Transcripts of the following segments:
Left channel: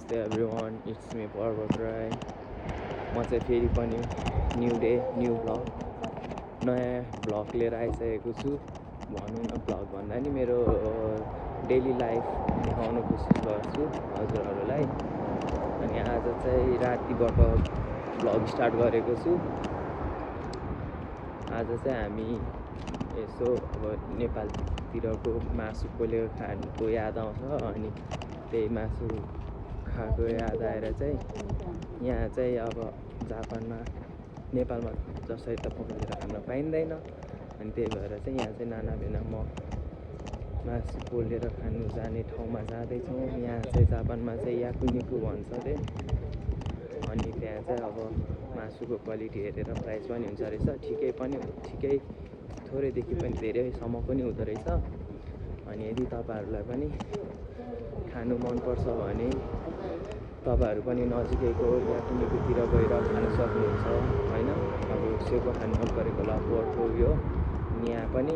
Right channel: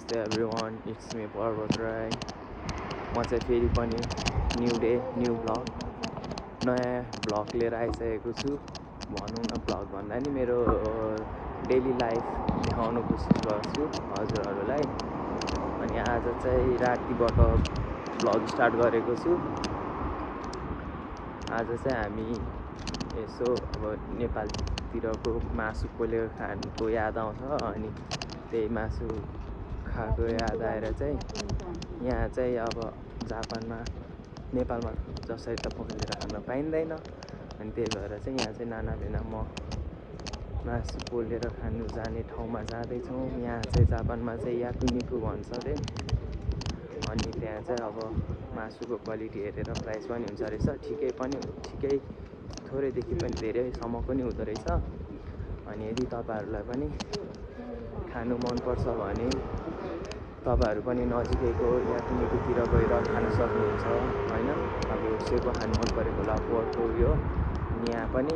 नमस्ते everyone, it's me पर्वत राई। म चाहिँ फेरि पनि न्यू डे न्यू भ्लग नयाँ भ्लग लिएर आइसकेको छु। भनौँ न भ्लग भन्दा नि मेरो डेली लाइफ देखाउन कोसिस गर्छु हजुरहरूलाई। अनि आज चाहिँ रातिबाट भ्लग स्टार्ट गरेको छु। आज चाहिँ हामी यसो अब नेपालतिरको मासु पोलेर खानुको याद आउँछ, अनि त्यही मासु खाएको याद आएर चाहिँ यहाँ चाहिँ अब जापानमा नेपालमा जसरी त पोलेर खान पाइँदैन, अनि त्यही भएर चाहिँ यहाँ चाहिँ नानाभेना म मासु पोलेर खानु जाने ठाउँमा जाँदैछौँ। यहाँ चाहिँ जापानमा चाहिँ याकुनिकु भन्छ अरे। अनि त्यहाँ चाहिँ अब मासुको क्वालिटी हेरेर प्राइस पनि हुन्छ रहेछ, ठिकै थोरैदेखि पनि धेरैसम्म पनि हुँदो रहेछ। अनि यदि तपाईँहरूलाई पनि खानु मनपर्छ भने तपाईँहरू पनि नजिकैको याकुनिकुतिर गएर खान सक्नुहुन्छ होइन। अब सेको खानु मन परेको होला पोर्कको उयो, यहाँ पनि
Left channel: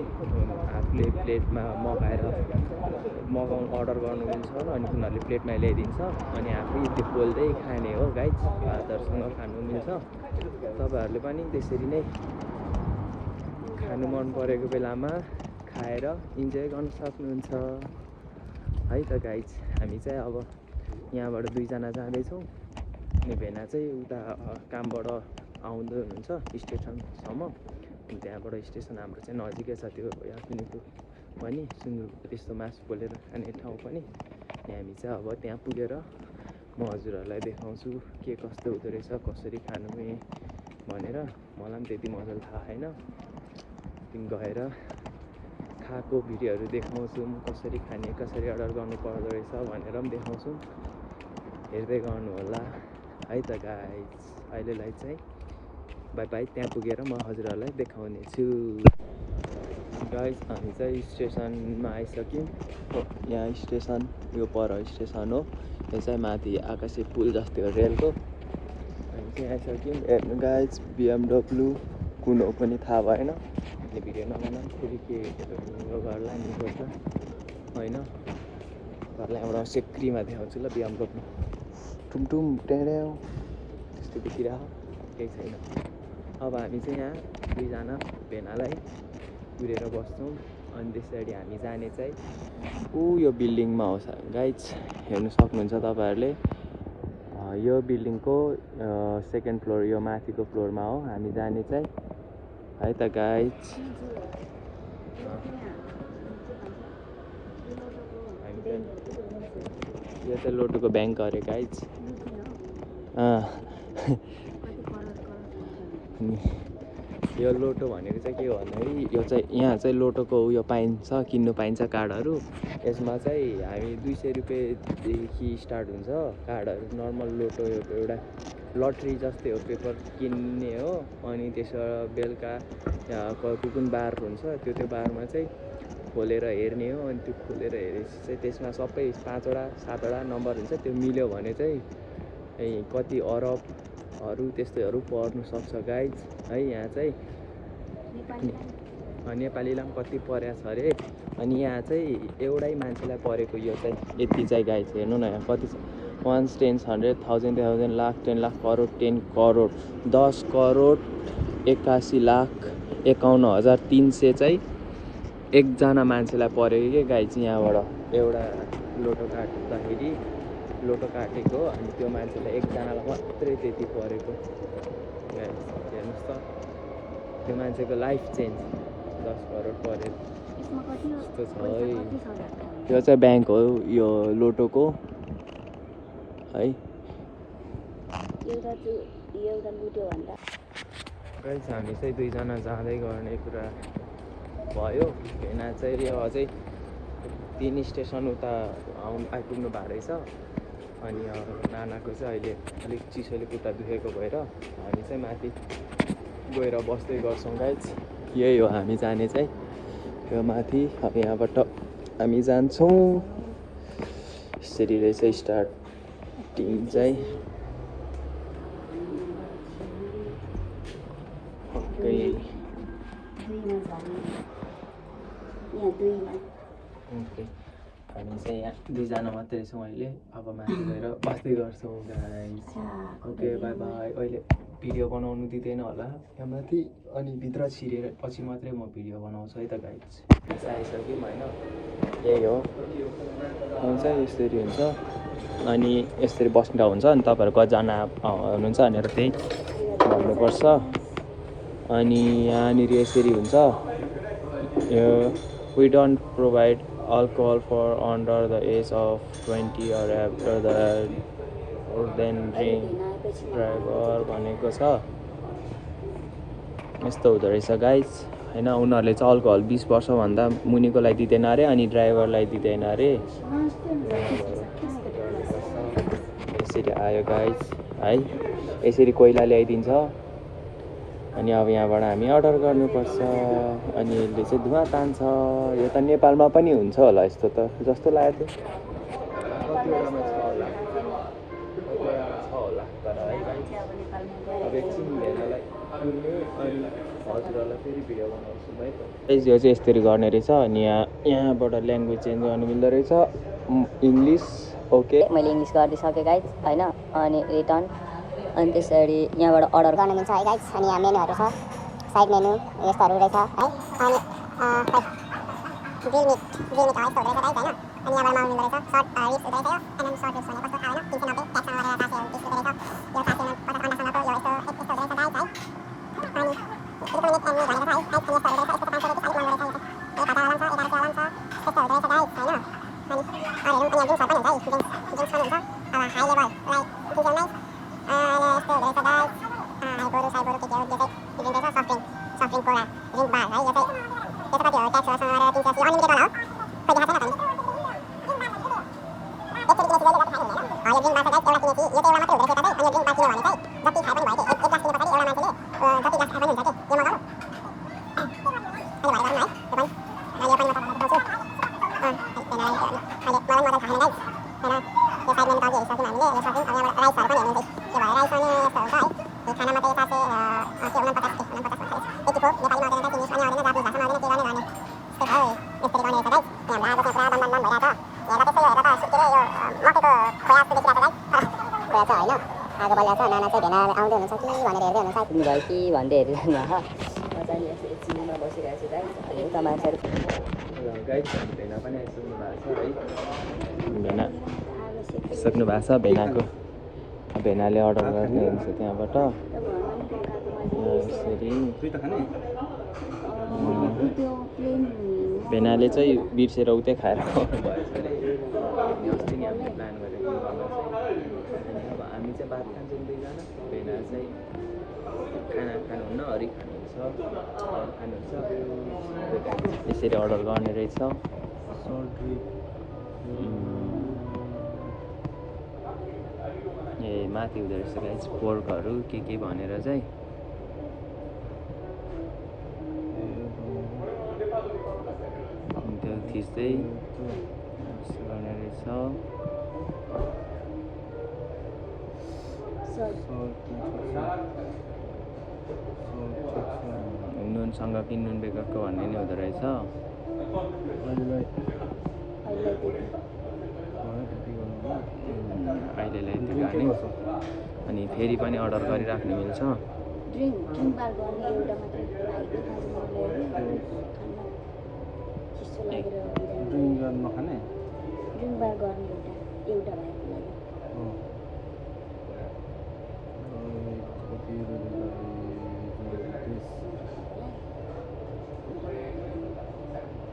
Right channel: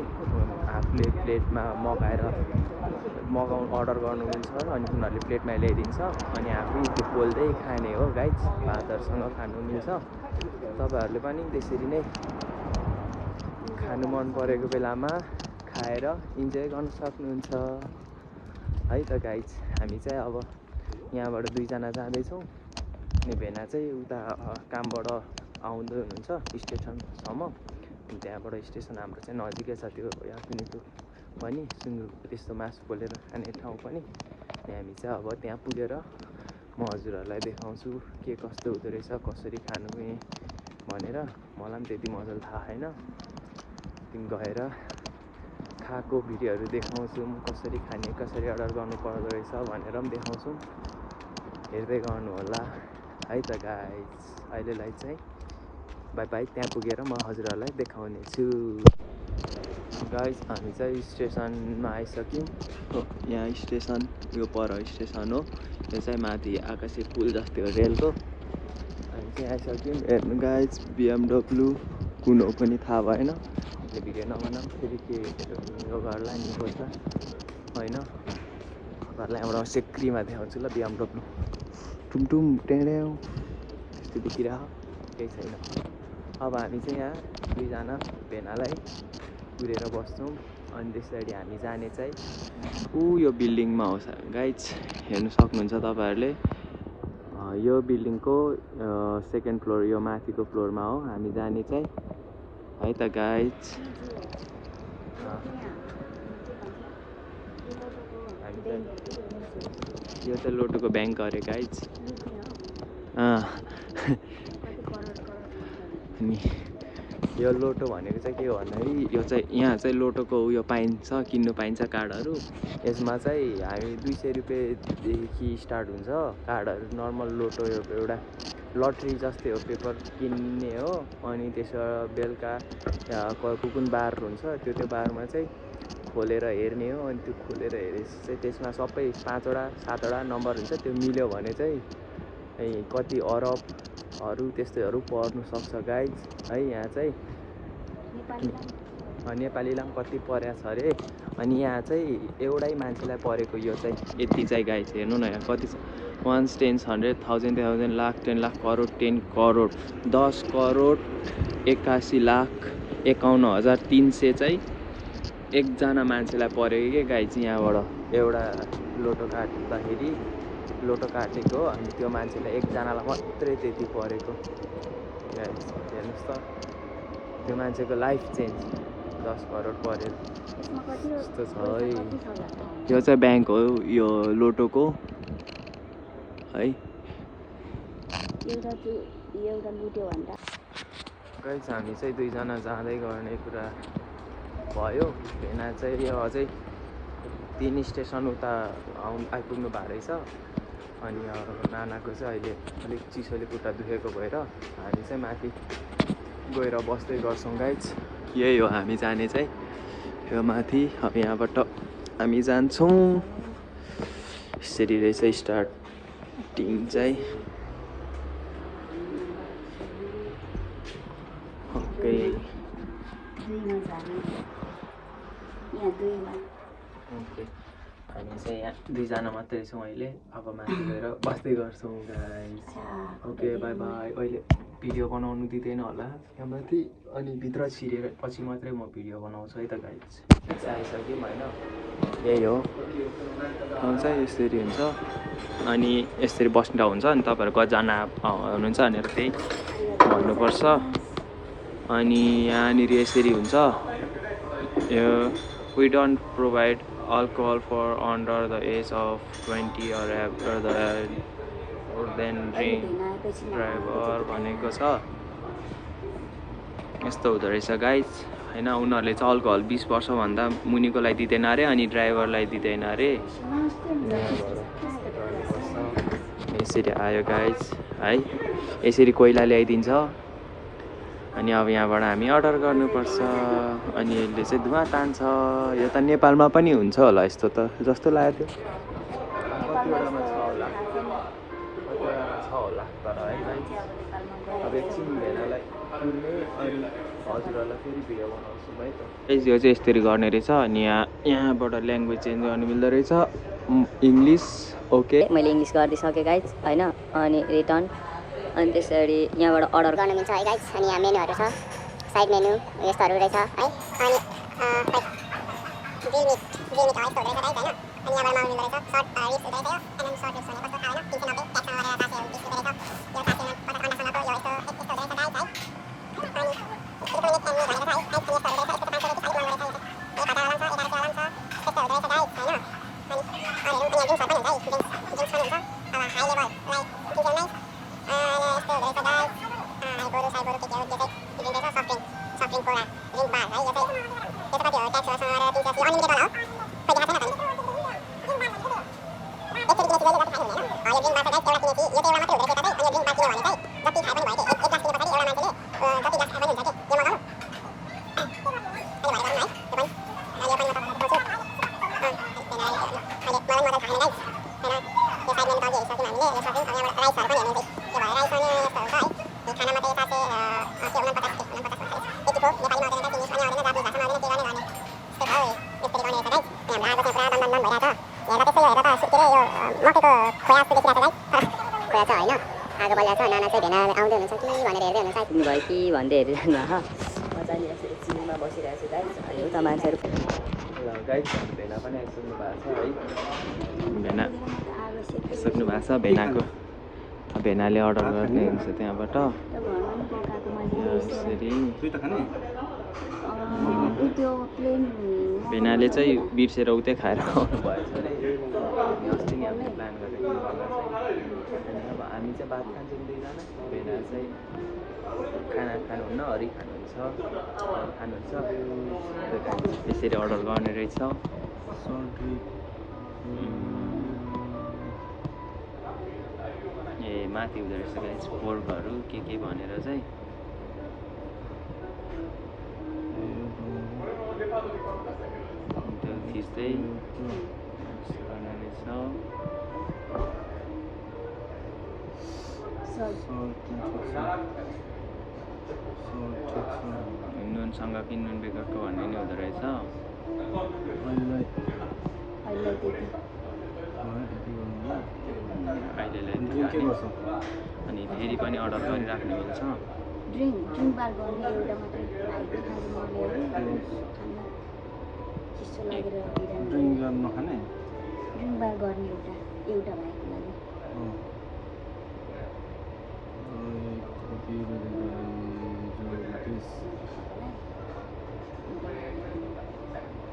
आफूले प्लेटमा अर्डर गर्नु मिल्छ, अनि उनीहरूले प्लेटमा ल्याइदिन्छ, अनि आफै त्यो पोल्दै खाने हो गाइज। भातहरूसँग खानु मिल्छ। तपाईँहरूले पनि त्यसरी नै खानु मन परेको बेलामा खाएर इन्जोय गर्न सक्नुहुन्छ है त गाइज। हामी चाहिँ अब यहाँबाट दुईजना जाँदैछौँ, अनि भेना चाहिँ उता कामबाट आउँदै हुनुहुन्छ स्टेसनसम्म। त्यहाँबाट स्टेसन हाम्रो चाहिँ नजिकै छ, त्यो याकुनिकु पनि सुँगुरको त्यस्तो मासु पोलेर खाने ठाउँ पनि। हामी चाहिँ अब त्यहाँ पुगेर म हजुरहरूलाई देखाउँछु के कस्तो हुँदो रहेछ, कसरी खानु भनेर। मलाई पनि त्यति मजाले थाहा छैन, गएर खाएको भिडियोहरू देखाउँछु, म कसरी खाने, कसरी अर्डर गर्नु पर्दो रहेछ भनेर पनि देखाउँछु। हेर्दै गर्नु होला है त गाइज। अहिलेलाई चाहिँ बाई बाई, त्यहाँ पुगेर म हजुरहरूलाई देखाउने छु। गाइज हामी चाहिँ स्टेसनमा आइसक्यौँ। यहाँ स्टेसन यो पर स्टेसन हो, यो चाहिँ माथि आकाशे पुल जस्तै हो रेलको। हामी चाहिँ आइसक्यौँ। हेर्नु गाइज, BMW कुन हो पनि थाहा भएन, यो भिडियो नबनाऊँ फेरि के यो गर्ला नि खोज्दा होइन। घरलाई एउटा सेक्रीमा देखाउँछु ल। BMW टुमटुम टेड्याउ यस्तो देखिरह, केही छैन। अब हामी चाहिँ यहाँ दुईजना भेनालाई कुरेर बस्छौँ, अनि त्यसरी हामी जाने चाहिँ यो बिल्डिङमा हो गाइज। हेर्नु सक्नुहुन्छ तपाईँहरूले, यो बिल्डिङको सेकेन्ड फ्लोर, यो माथिको फ्लोरमा हो हामी जाने चाहिँ है त गाइज। यो चाहिँ लोटोको ब्याङ्क अरे गाइज। अनि यो लोटो भनेको चाहिँ के हो भन्दाखेरि, यो चाहिँ यहाँ चाहिँ लोटोको उयो पाइन्छ, किन्नु पाइन्छ कार्डहरू। यसमा चाहिँ हामी 200 रुपियाँदेखि स्टार्ट हुन्छ कार्डहरू। नर्मल लोटो एउटा लटरी जस्तै हो, पेपर किन्ने हो। अनि त्यसो बेलुका कुन बार हुन्छ, त्यो बारमा चाहिँ खोलेर हेर्ने हो। अनि त्यो खोलेर हेरेपछि चाहिँ त्यसमा सबै 5वटा 7वटा नम्बर हुन्छ। त्यो मिल्यो भने चाहिँ कति अरबहरू त्यस्तैहरू पर्नु सक्छ गाइज है। यहाँ चाहिँ नेपालीलाई पनि कति परेको छ अरे। अनि यहाँ चाहिँ एउटै मान्छेलाई परेको यो चाहिँ यति चाहिँ गाइज। हेर्नु न यहाँ कति छ, 1 10 100 1000 1000 लाख 10 लाख करोड 10 करोड 10 करोड 81,51,300 चाहिँ एकजना मान्छेलाई परेको के गाइज। यहाँबाट एउटा लोटो काट्दाखेरि लोटो काटेको, अनि त्यो मान्छेलाई एकजनालाई मात्रै त्यति परेको गाइज। हेर्नुहोस् त, त्यो मान्छेको लाइफ चेन्ज 10 करोड परेर यस्तो छ है। यो चाहिँ ब्याङ्क हो यो लोटोको है गाइज। हामी चाहिँ दुईजना जाँदै गर्ने कुरा भयो। भेना चाहिँ अझै 3 स्टेसन उता आइपुग्नु भएको रहेछ। अनि नानाको चाहिँ अहिले अलिक चिसोले खुट्टा दुखेको भएर हामी चाहिँ माथि गएर बस्दै गर्छौँ गाइज। यही हो हामी जाने चाहिँ, यो माथि। अब यहाँबाट हामी जान्छौँ। यसरी रहेछ स्टार्टिङ चाहिँ। हामी चाहिँ यहाँ 2 जना मात्रै छौँ अहिले अब माथि गएर बस्दै गर्छौँ गाइस ओके बाई बाई अहिले भिडियो बनाउनु दिँदैन होला यहाँ माथि अनि भित्र छिरेर पछि मात्रै म भिडियो बनाउँछु है त गाइस आइसक्यौँ होइन यही हो चाहिँ यसरी हुन्छ अनि यसरी बस्दा हुन्छ अनि तपाईँहरू कतिजना हुनुहुन्छ भनेर त्यही भन्नुपर्छ अनि यहाँनिर यसरी हुन्छ we don't provide alcohol for under the age of 20 or after the then drink driver भनेको छ यस्तो हुँदो रहेछ गाइज होइन उनीहरूले चाहिँ अल्कोहल 20 वर्षभन्दा मुनिकोलाई दिँदैन अरे अनि ड्राइभरलाई दिँदैन अरे यसरी आयो गाइज है यसरी कोइला ल्याइदिन्छ अनि अब यहाँबाट हामी अर्डर गर्नुपर्छ अनि यसले चाहिँ धुवा तान्छ यो त नेपालमा पनि हुन्छ होला यस्तो त जस्तो लाग्यो कतिवटामा छ होला तर है अब एकछिन भेनालाई पुर्ने अनि हजुरहरूलाई फेरि भिडियो बनाउँछु है त यो चाहिँ यसरी गर्ने रहेछ अनि यहाँबाट ल्याङ्ग्वेज चेन्ज गर्नु मिल्दो रहेछ इङ्ग्लिस ओके मैले इङ्ग्लिस गरिदिइसकेँ गाइज होइन अनि रिटर्न अनि त्यसरी यहाँबाट अर्डर गर्न मिल्छ है गाइस अनि यहाँ मेनुहरू छ साइड मेनु यस्तोहरू रहेछ है अनि ग्रिल मिट हो यस्तो रहेछ गाइस होइन अनि यहाँबाट माउनु मिल्दो रहेछ सर्ट रिप्स रहेछ यो एनएम सर्ट रिप्स भने कस्तो थाहा होइन 390 ट्याक्समा गरेर 430 रुपिस रहेछ यो 450 अन्डासँगको यो यस्तो रहेछ गाइस आगो बलिया छ नाना चाहिँ भेना आउँदै हुनुहुन्छ कि भनेर हेर्दै हुनुहुन्छ भयो कि भन्दै हेरिरहनु म चाहिँ यसरी चिलमा बसिरहेको छु गाइज अनि उता मान्छेहरू गाइज भेना पनि आइसक्नु भएको छ है भेना सक्नु भएको छ भेनाको भेनाले अर्डर गर्ने हुन्छ त्यहाँबाट यसरी भेनाले चाहिँ बिर्सेर उतै खाएर आउनु भएछ अरे अनि अस्ति नि हामीले प्लान गरेको गर्दा चाहिँ अनि अब हामी चाहिँ भात खान्छौँ 2 जना भेना चाहिँ खाना खानुहुन्न हरि खानुहुन्छ त्यसरी अर्डर गर्ने रहेछ ए माथि हुँदो रहेछ गाइस पोर्कहरू के भनेर चाहिँ त्यो खिच्दै गर्ने रहेछ नुनसँग कि नुन बेगरको भन्ने नि हुँदो रहेछ अहिले अनि फेरि पनि अर्डर गरिराख्नु मिल्छ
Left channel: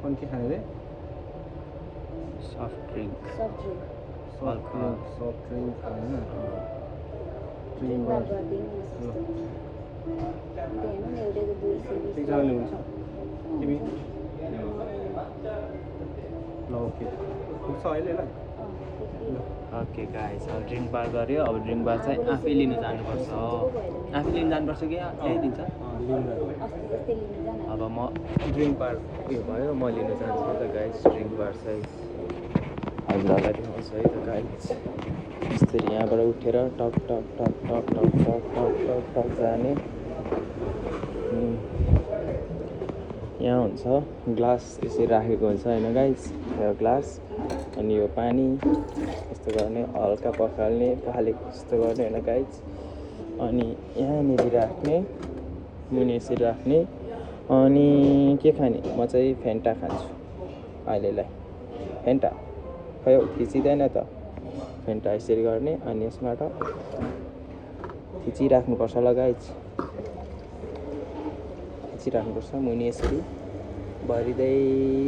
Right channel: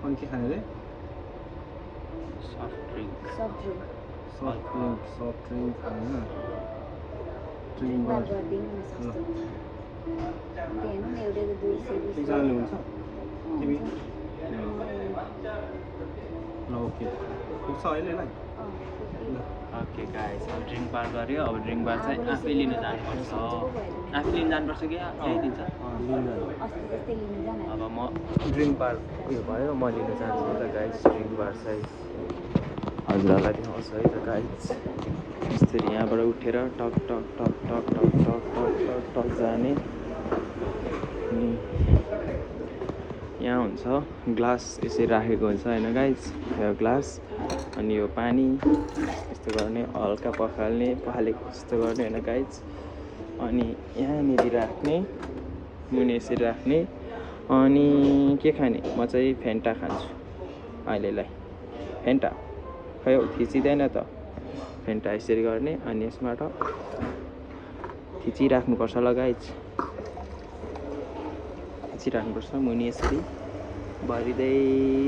कौन के खाने रे सफ्ट ड्रिंक सॉफ्ट ड्रिंक खाना ड्रिंक बार तिमी ल ओके पुग्छ अहिले ल ओके गाइस अब ड्रिङ्क बार गऱ्यो अब ड्रिङ्क बार चाहिँ आफै लिन जानुपर्छ आफै लिन जानुपर्छ कि ल्याइदिन्छ अब म ड्रिङ्क बार उयो भयो म लिन चाहन्छु नि त गाइस ड्रिङ्क बार चाहिँ हजुरहरूलाई देखाउँछु है त गाइस यसरी यहाँबाट उठेर टक टक टक टक टक टक टक टक टक जाने अनि यहाँ हुन्छ ग्लास यसरी राखेको हुन्छ होइन गाइस, यो ग्लास अनि यो पानी यस्तो गर्ने, हल्का पखालेको जस्तो गर्ने होइन गाइस। अनि यहाँनिर राख्ने, मुनि यसरी राख्ने। अनि के खाने, म चाहिँ फेन्टा खान्छु अहिलेलाई। फेन्टा खै थिचिँदैन त, फेन्टा यसरी गर्ने अनि यसबाट थिचिराख्नुपर्छ ल गाइस, थिचिराख्नुपर्छ। मुनि यसरी भरिँदै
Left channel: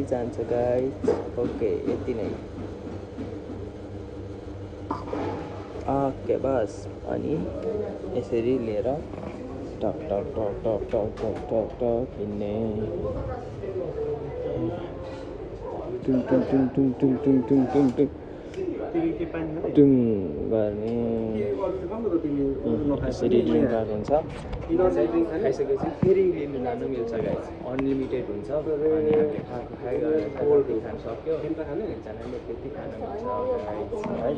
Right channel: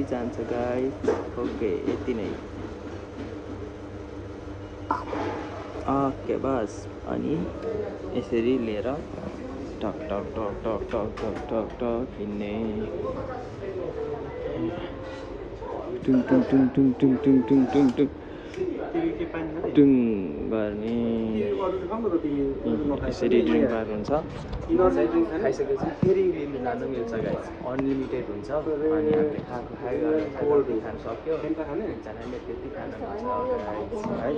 जान्छ गाइस। ओके, यति नै। ओके बस। अनि यसरी लिएर टक टक टक टक टक टक टक टक हिँड्ने, टुङ टुङ टुङ टुङ टुङ टुङ टुङ टुङ टुङ टुङ गर्ने। यसरी ड्रिङ्क बार हुन्छ। खाइसकेपछि फेरि लिनु लानु मिल्छ गाइस, अनलिमिटेड हुन्छ। अनि हामीले खाएको जति खानु सक्यो, एकजनाले त्यति खानु मिल्छ गाइस है।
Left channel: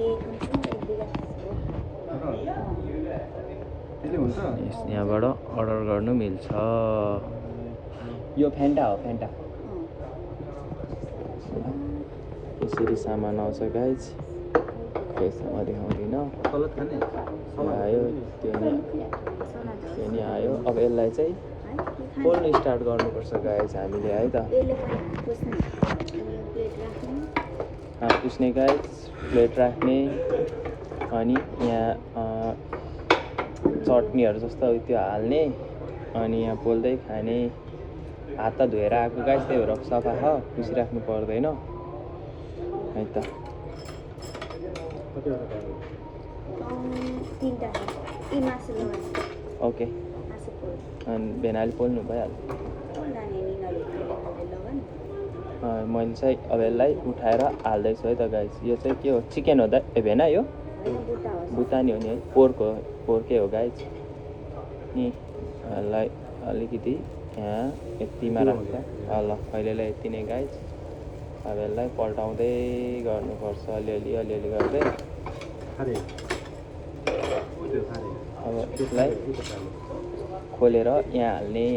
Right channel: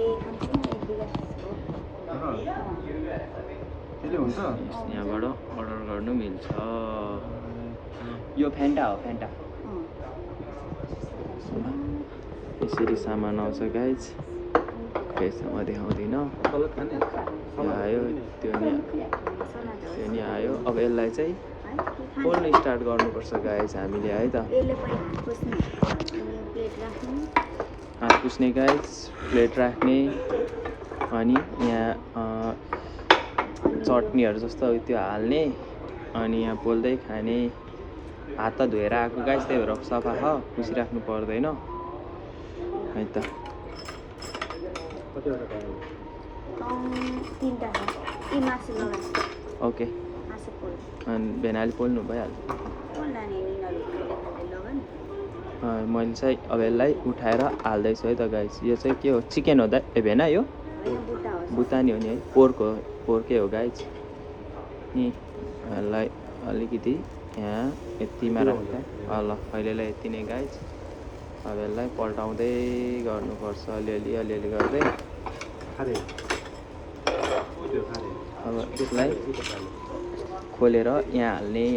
यहाँबाट अर्डर गर्नु मिल्छ। यो फेन्टा हो, फेन्टा। यसरी सामान आउँछ गाइस, यसमा देखाउँदिनँ। आयो त्यो नि आयो। अब यसलाई चाहिँ पोल्न स्टार्ट गर्नुपर्छ गाइस हामीले है त। हात पुस्ने गाइस, प्लेट राख्ने, अनि यहाँ चटनीहरू जस्तो त्यो हाल्ने, अनि यहाँ पोल्दै खाने। हात त धोएर आएको गाइस, त्यही भएर सफा छ, पुसिराख्नु पर्दैन है त। ओके, अनि भेनाले पोल्नु भइहाल्यो। मैले चाहिँ अब यसलाई उठाएर हाल्दैछु है त गाइस। यो चाहिँ के हो, चिकन हो ए भेना, यो बुतानी हो नि है, पोर्कै हो गाइस। नि यसलाई अलिकति यहाँ यतिमा राख्छ। ल पहिलेलाई यति नै गाइस। अब यसलाई पल्टाउँदै गर्नुपर्छ अलिअलि गर्दै। अब यसलाई खोलेर यहाँ हाल्ने।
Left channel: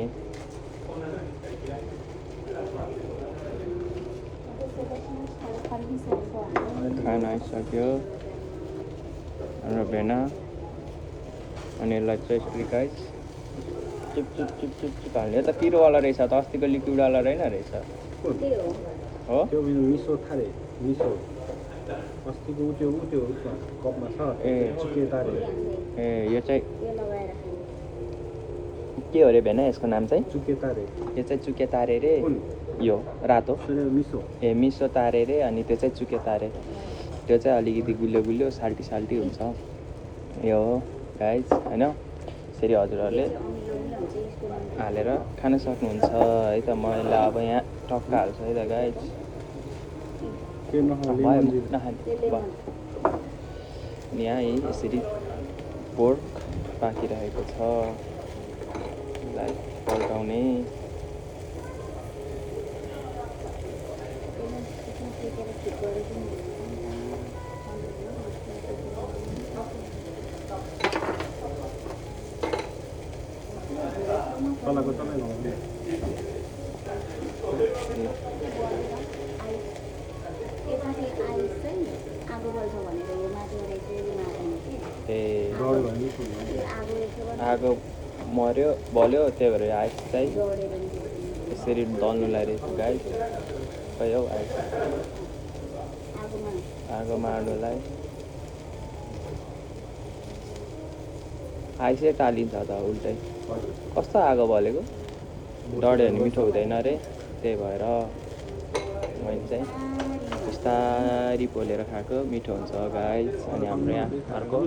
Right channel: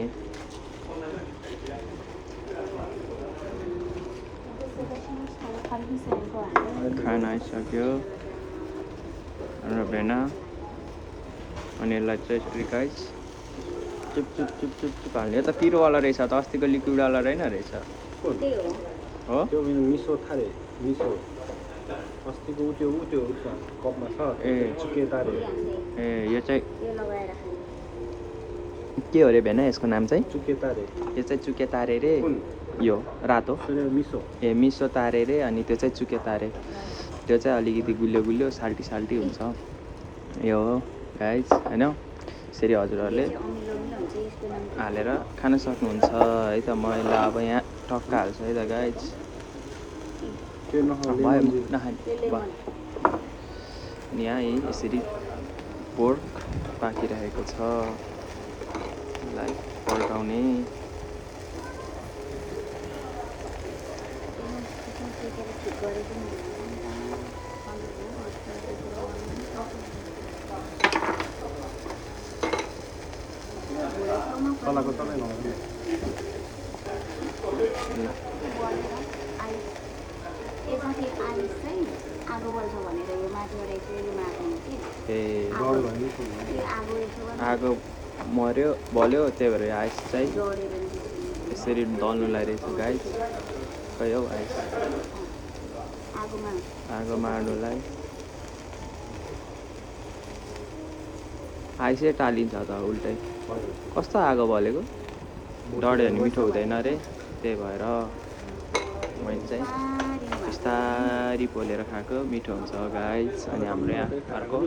खाना आइसक्यो र भेना। अनि यसलाई चाहिँ यसरी गाइस चुप चुप चुप चुप चुप हाल्ने। यो त पिरोवाला रहेछ त, अस्तिको लिक्विडवाला रहेन रहेछ हो। त्यो मेरो मिसो थारे, मिसो अस्तिको त्यो कपमा छ। ए चुके तारे। ए यो चाहिँ के हो रे भेना, यसको नाम चाहिँ चुके तारे। यो चाहिँ चुके तारे रे। यो रातो मिसो, ए मिसो तारे रे। अनि त्यो चाहिँ चुके तारे, त्यो चाहिँ अलिकति गुलियो साल्टी हुन्छ। यो हो गाइस होइन। यसरी हजुरहरूले हालेर खान सक्नुहुन्छ है त। मैले अब यहाँ टक्क हाल्छु है त गाइस। यहाँ यसरी पोर्क पाकिरहेको छ, यसलाई पल्टाउने। आगो मर्यो बल्यो, त्यही भएर आइस चाहिँ यसरी दल्नुलाई रहेछ गाइस। खै हौ आइस आगो मार्नुलाई आइसै टालिन्छ त उल्टै। कस्तो आगो बलेको, डढ्यो भने मिठो हुँदैन रे, त्यही भएर मैले चाहिँ बिस्तारी पोलेर खाएको मिठो हुन्छ गाइस। अनि हाम्रो यहाँ अर्को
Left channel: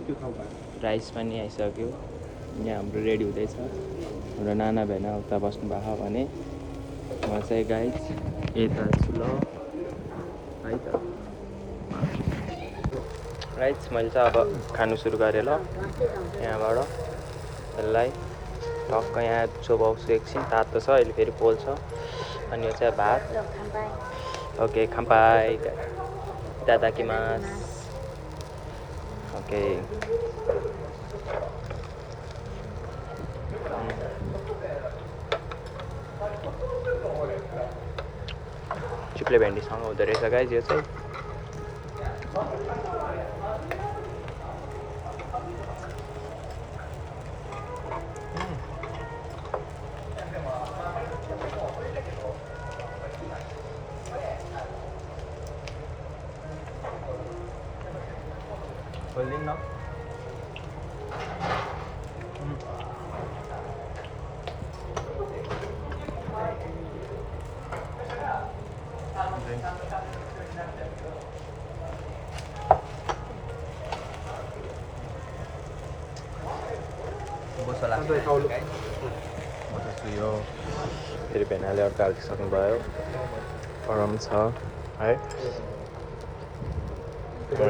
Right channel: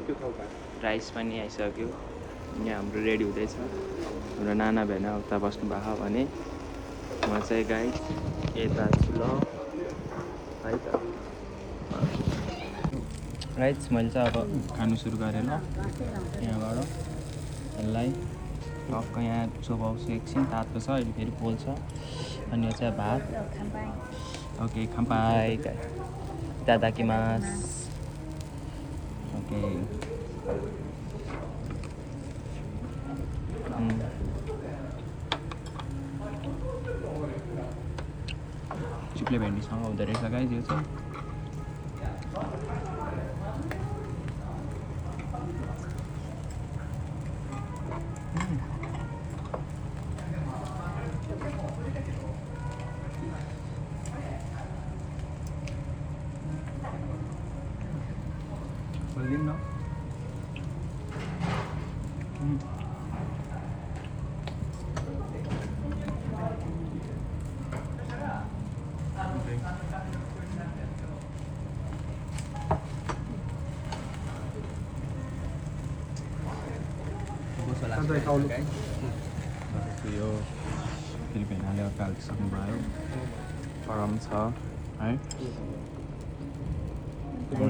राइस पनि आइसक्यो, यहाँ हाम्रो रेडी हुँदैछ। हाम्रो नाना भेना उता बस्नु भएको भने म चाहिँ गाइस यता छु ल है त। राइस मैले चाहिँ अब खानु सुरु गरेँ ल। यहाँबाट यसलाई टक्क यहाँ चोबाउँछु एकछिन, तातो छ अहिले, फेरि पोल्छ। अनि यो चाहिँ भात। ओके खाम्पाई दादाकिमास। ओके चिप्ले भेन्डीसँग हुँदो रहेछ गाइज यो चाहिँ। खोलिदिनु न। बोसो लाग्छ यो फेरि भेनाले अर्को हालिसक्नुभयो। गरम छ है।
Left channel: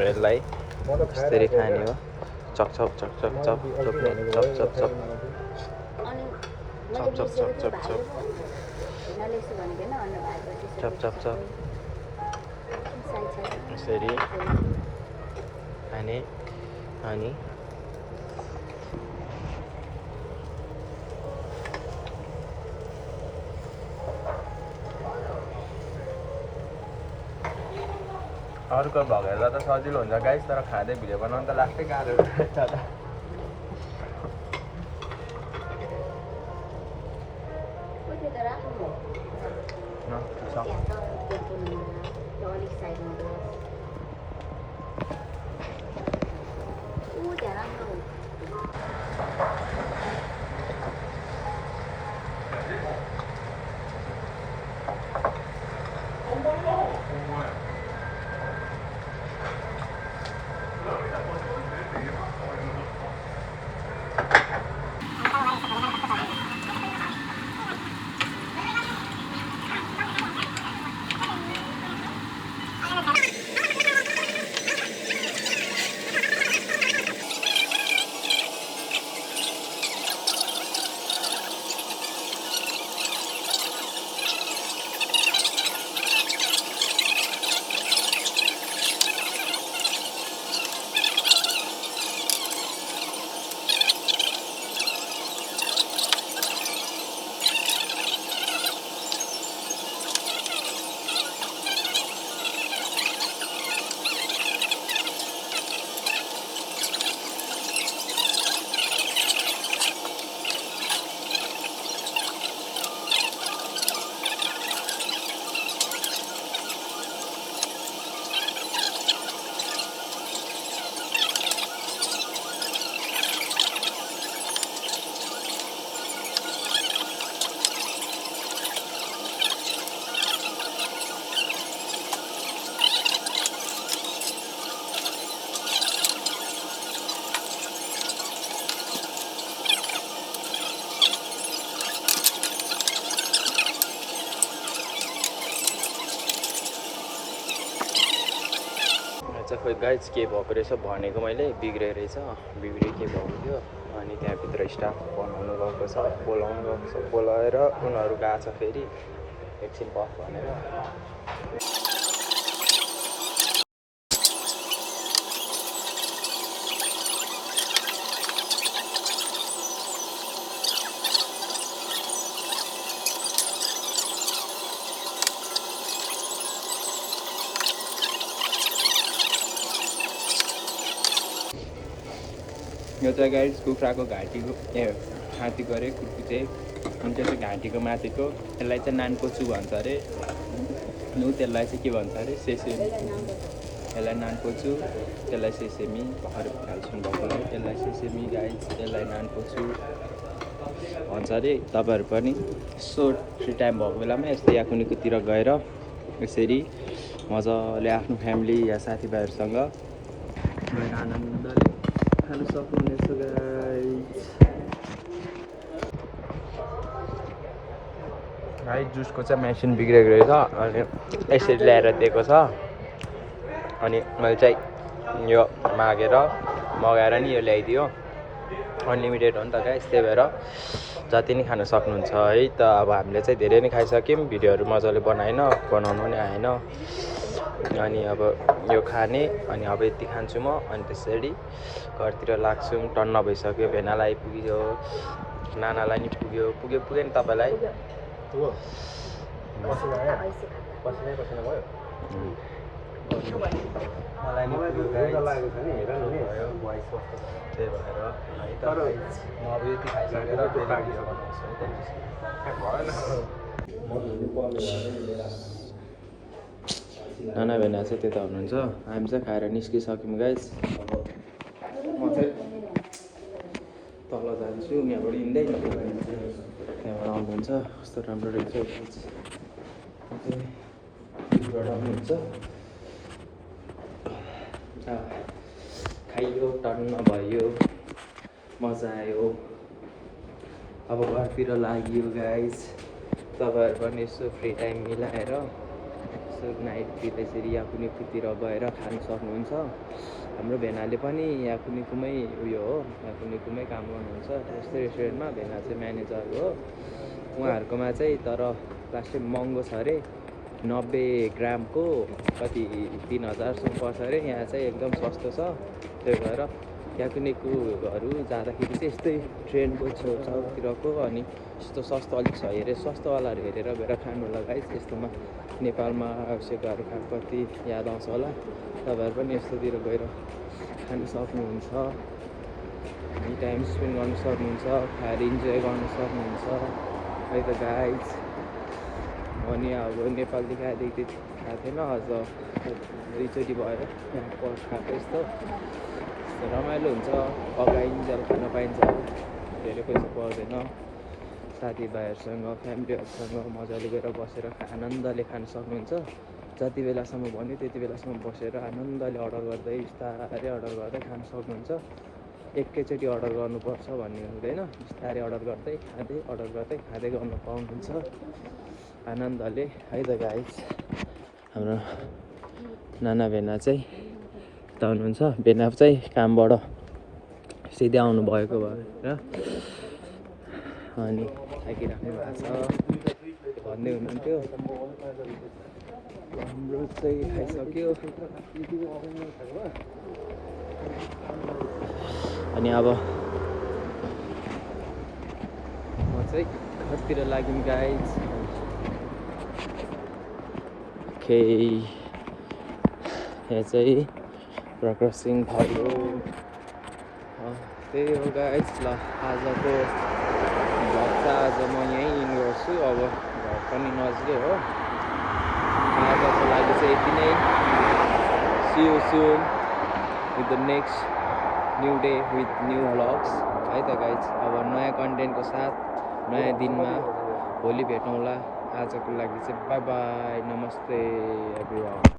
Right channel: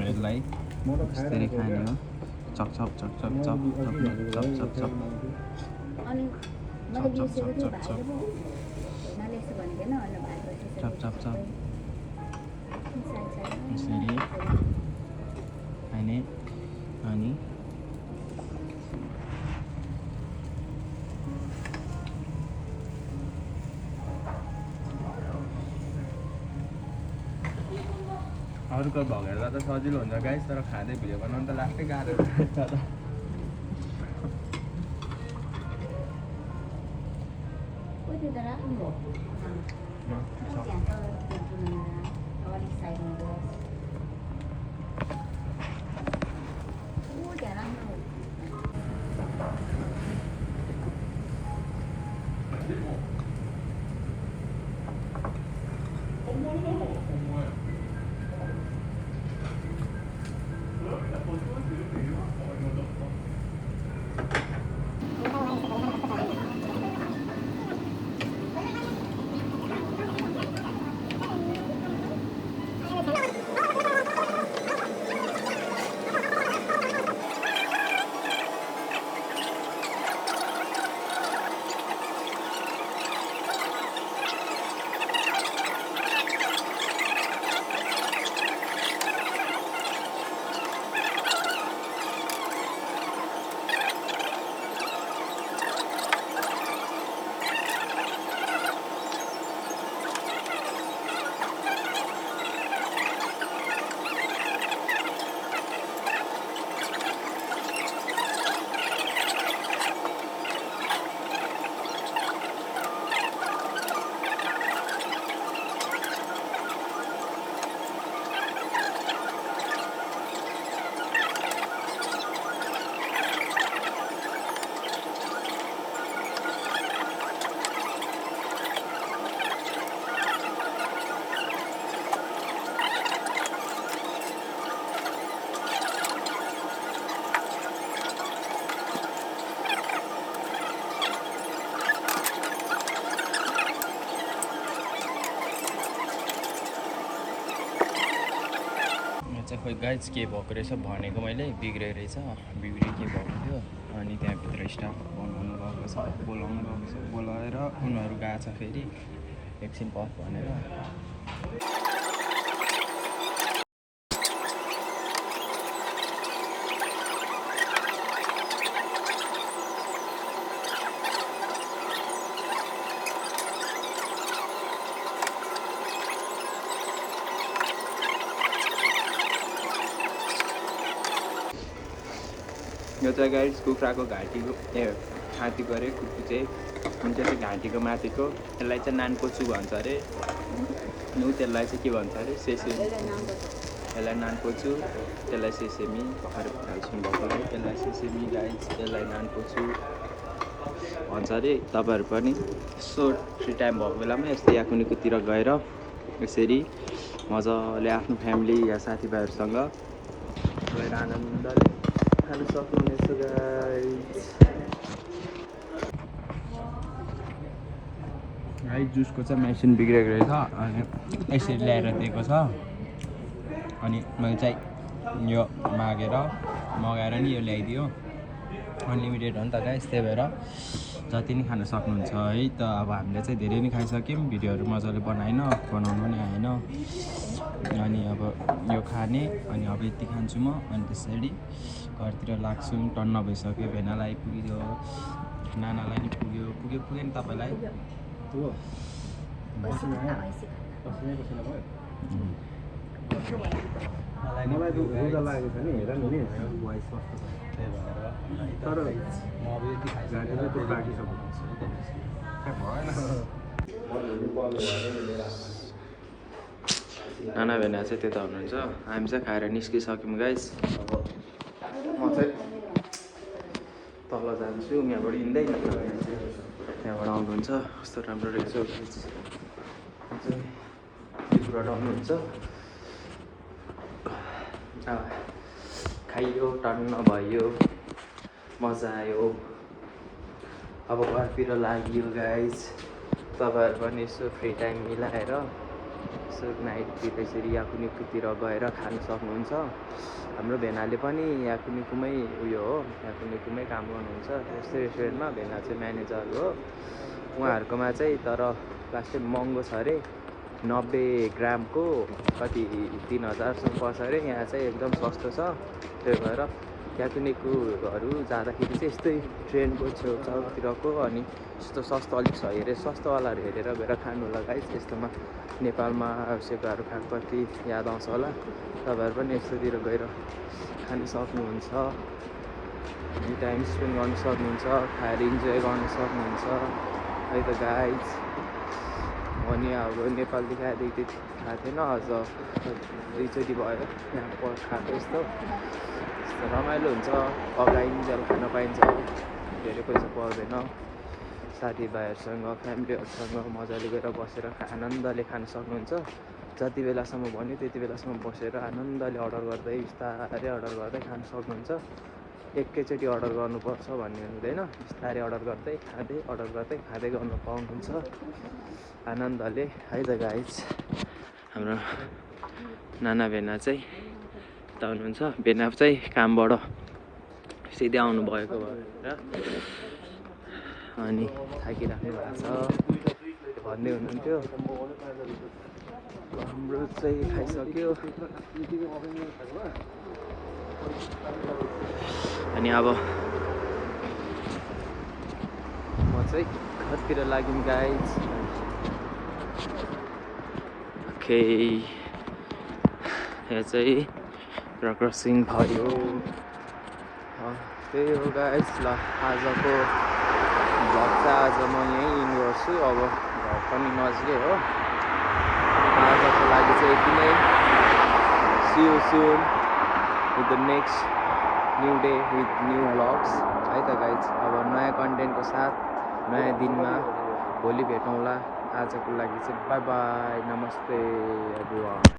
यसलाई यसरी खाने हो। चप चप चप चप चप चोप्ने चप चप चप अनि मैले बिर्सेको थिएँ भाइले पो भेनाले यसो भनेको होइन अन्न भात बसी चप चप चप यसरी खाने अनि अर्को भगेर्दा त सजिलो हुन्छ गाइस, तर खाँदै भिडियो बनाउनु त लास्टै गाह्रो हुन्छ। ठिक छ। खोइ गाइज के भएको रहेछ भनेको मैले बिग्रेको रहेछ, बिग्रे के भएको थियो। अनि त्यहाँभित्र स्टाफ बनाउनु गएको छ, बोलाउनु गएको छ, बोलाएर उनीहरू गएको छ फेरि एकछिन पफ भनेर। यो चाहिँ गाइस कुखुराको घाँटीको छातीको अरे कुर्कुचे हुन्छ, त्यो घाँटीको माथिको यसलाई चाहिँ नानकोचु भन्छ अरे। त्यसलाई चाहिँ के भन्छ अरे सेसेमी, यसलाई नानकोचु, त्यसलाई सेसेमी। भर्खर खाल्छौँ भएको है, यसलाई सेसेमी गाइस, यसलाई नानकोचु भन्छ अरे। तपाईँहरू पनि यसो फ्री टाइम भएको बेलामा यस्तो या कुनैतिर गएर यसरी मजाले आफ्नो फ्यामिली या साथीभाइहरूसँग गएर आनन्दले खानु सक्नुहुनेछ गाइस। जुसको चाहिँ मेसिन बिग्रेको रहेछ, अनि यसरी ल्याएर दिएको छ। अनि मैले चाहिँ यो मगाएर नि यो ल्याइदियो। अनलिमिटेड हो नि त गाइस, त्यही भएर जति नै खान सक्नुहुन्छ है। त अब हामीले चाहिँ धेरै नै खाइसक्यौँ, भिडियोहरू मजाले बनाउनु नि आएन। अनि अब यो खाने, अनि अब यति खान्छु म। अनि त्यसरी घरतिर लाग्छौँ। टन्न भइसक्यो, भेनालाई पुग्यो, नानालाई नि पुग्यो नि तपाईँलाई। पसिनै पसिना भयो मलाई नि पुग्यो गाइस भयो भोइस कस्तो त्यही भएर है त गाइस म अब यति खाइसकेर फेरि भिडियो बनाउँछु है त नाना भेना चाहिँ त्यता हुनुहुन्छ हामी चाहिँ खाएर निस्किसक्यौँ गाइस म चाहिँ तल जान्छु यहाँबाट हिँड्दै यहाँबाट आउनुहुन्छ कस्तो राम्रो रहेछ चाहिँ आउनुहुन्छ खाइयो टन्न भयो मजा आयो अब घरतिर लाग्यो गाइस तपाईँहरू पनि यसो फ्री टाइम मिलाएर यसो नाइटतिर यसरी याकुनिकुतिर गएर खानु सक्नुहुन्छ हाम्रो भेनाले पनि याकुनिकुमै उयो हो याकुनिकुमै काम गर्नुहुन्छ यस्तो रेस्टुरेन्टमा भेना चाहिँ म्यानेजर हो उहाँहरूकोमा चाहिँ तर लास्टै महँगो छ अरे 90 ग्रामको कति 3000 पर्छ अरे यहाँ चाहिँ एकदम सस्तो छ त्यही भएर याकुनिकुहरू जाँदाखेरि चाहिँ यस्तै ट्रेनको छेउछाउतिरको अनि यस्तो सस्तो अलिक छ हेरेर सस्तोवालाहरू हेरेर गएर खानु होला गाइस यस्तोमा नेपालमा सेवाहरू खाएको कति याद आउँछ होला तपाईँहरू पनि यस्तोतिर गएर खानु सक्नुहुन्छ टाइम स्पेन्ड गर्न सक्नुहुन्छ खाएर इन्जोय गर्न सक्नुहुन्छ है त गाइस अनि अब नेपालदेखि आएदेखि खाएको थिएन अझ दुईचोटि भएर यहाँ खाएको यस्तो रमाइलो हुन्छ अगाइन्जेल खान पाइन्छ धेरै पैसा पर्दैन साथीभाइहरूसँग फ्यामिलीहरूसँग मजाले गएर बसेर आनन्दले खान सक्नुहुन्छ जति बेलासम्म भन्यो त्यति बेलासम्म बसेर आनन्दले अर्डर गर्दै बिस्तारै अर्डर गर्दै खान सक्नुहुन्छ एकैचोटि अर्डर गर्नुपर्छ भन्ने हुँदैन बिस्तारै अर्डर गर्दै खाँदै गर्न पाउनुहुन्छ आनन्दले है त गाइस हाम्रो नाना भेना चाहिँ त हुनुहुन्छ भेना चाहिँ कामबाट सिधै आउनु भएको भएर अनि थाकिराख्नु भएको छ भन्दै हुनुहुन्थ्यो हाम्रो चाहिँ खाइसक्यो अनि अब म चाहिँ घरतिर लाग्यौँ गाइस ओके यहाँ चाहिँ प्रकाश सिंह भयो त्यही हो गाइस ल आजको भ्लग चाहिँ आज म यहीँ इन गर्छु अब घर पनि नजिकै हो आजको लागि चाहिँ यति नै see you soon with the next new day with new vlogs है त गाइस अब नयाँ कन्टेन्टको साथ नयाँ दिनमा भोलि भेटौँला आजको लागि चाहिँ बाई बाई नमस्ते एभ्रिवान